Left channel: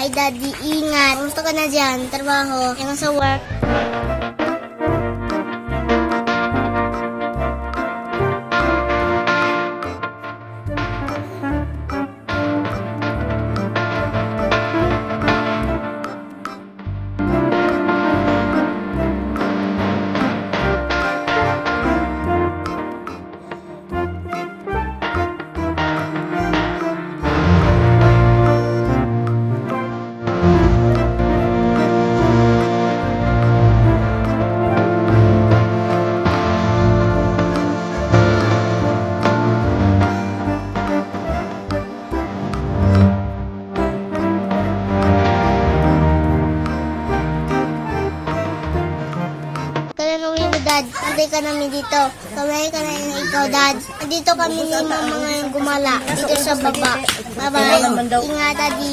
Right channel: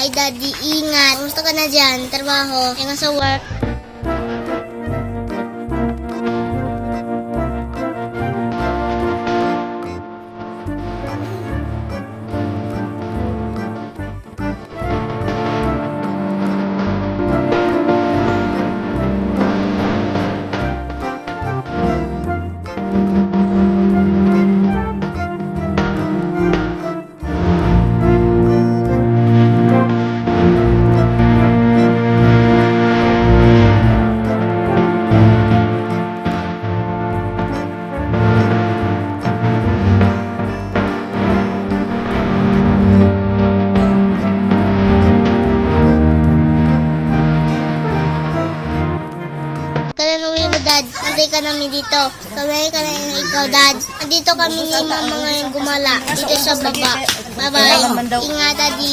Hi Daddy, Inga. Kumusta ka na dyan? Trabaho? Kaya nga sa work? Dad, antay ka namin dito. Kamay ka na ikaw, Dad. Andito kami ni Mama ngayon gumala. Dito sa baba. Bye-bye. Ingat, Daddy.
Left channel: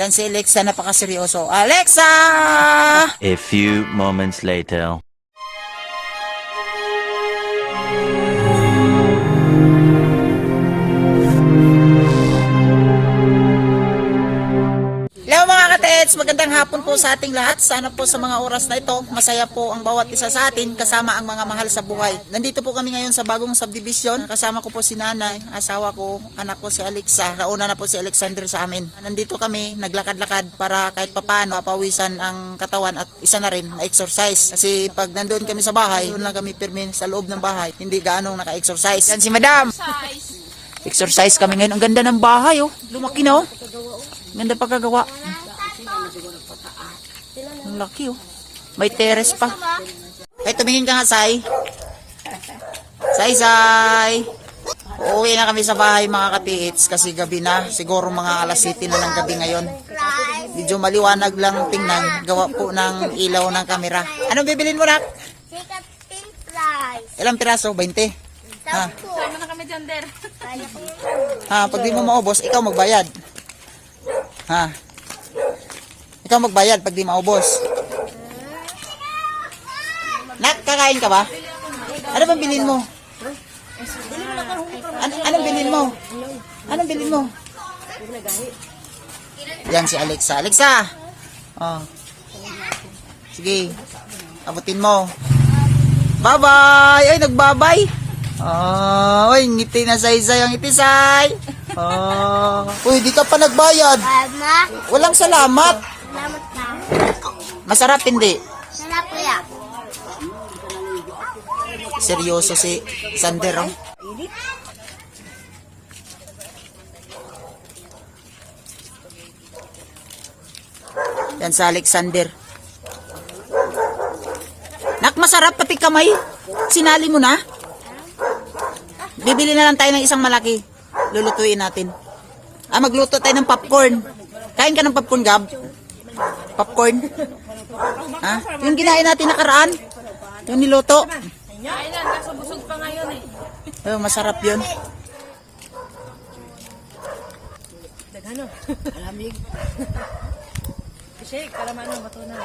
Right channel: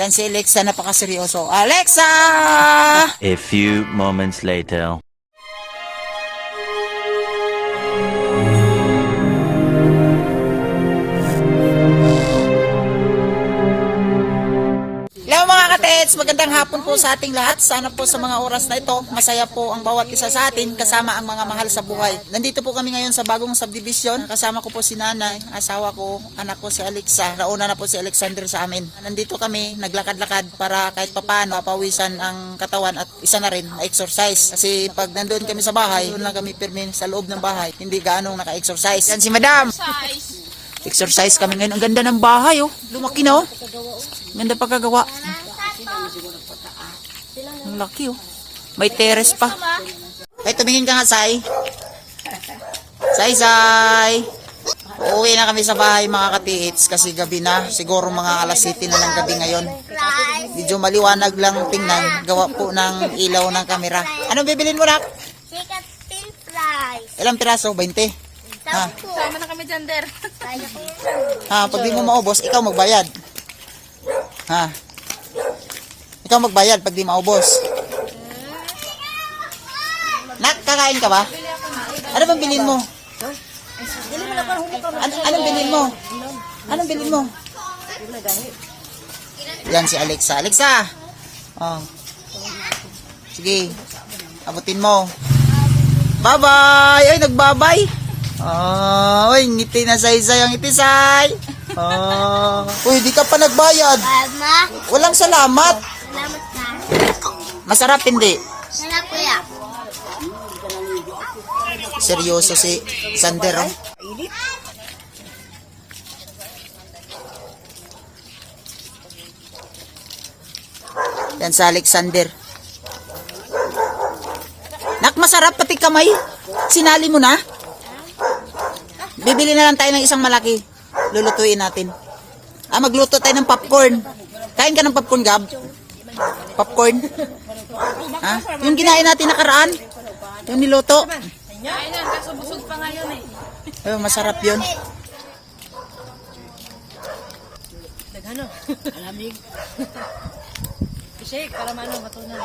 Yan si Alexa, napakaseryoso. Alexa! A few moments later. Hello mga katets, magandang hapon po sa ating lahat. Sana po sa mga oras na ito, masaya po ang bawat isa sa atin kasama ang mga mahal sa buhay. Nandito po kami ngayon sa bagong subdivision. Kasama ko po si nanay, asawa ko, anak ko si Alexa. Nauna na po si Alexander sa amin. Nandito kami, naglakad-lakad para kahit papaano mapawisan ang katawan at isa na rin, ma-exercise. Kasi pag nandoon kami sa bahay, doon lang kami pirmin sa loob ng bahay. Hindi gaanong naka-exercise. Yan si Madam! Exercise kami ngayon. Ang ganda ng bahay, oh. Lumaki na, oh. Ganda pagkagawa. Ang laki, oh. May terrace pa. Ay, tumingin ka nga, Sai. Sai. Uuwi na kami sa bahay, mga katiits. Kasi gabi na. Siguro mga alas 7 na ng gabi ngayon. Medyo maliwanag lang tingnan. Gawa po ng ilaw ng kamera. Anong bibilin mo, Nak? Sikat pin fries. Ilang piraso? 20? Ha? Sama na kami dyan, Der. Ha, pag di mo maubos, ikaw magbayad. Ha? Ikaw magbayad pag di maubos. Nak, kakain ka ba? Ano bang bilhin mo? Anong bilhin mo? Anong bilhin mo? Yan si Alexa. Alexa! Oh. Sige. Abutin mo. Bye-bye! Ay, nagbabay! Oh, uy, ngiti na say-say ang ngiti, say. Oh. Uy, di ka pa nagbayad. Mama, Walang salamat. salamat na. Masarap hindi. Sarap kuya. Seryoso si Sander, oh. Yan sa Alexander. Nak, masarap pati kamay. Sinali mo na. Bibili na lang tayo ng isang malaki. Lulutuin natin. Magluto tayo ng popcorn. Kain ka ng popcorn, Gab? Popcorn? Ha? Yung ginain natin nakaraan? Yung niluto? Oh, masarap yun. Daghano? Alamig. Shake para matunan.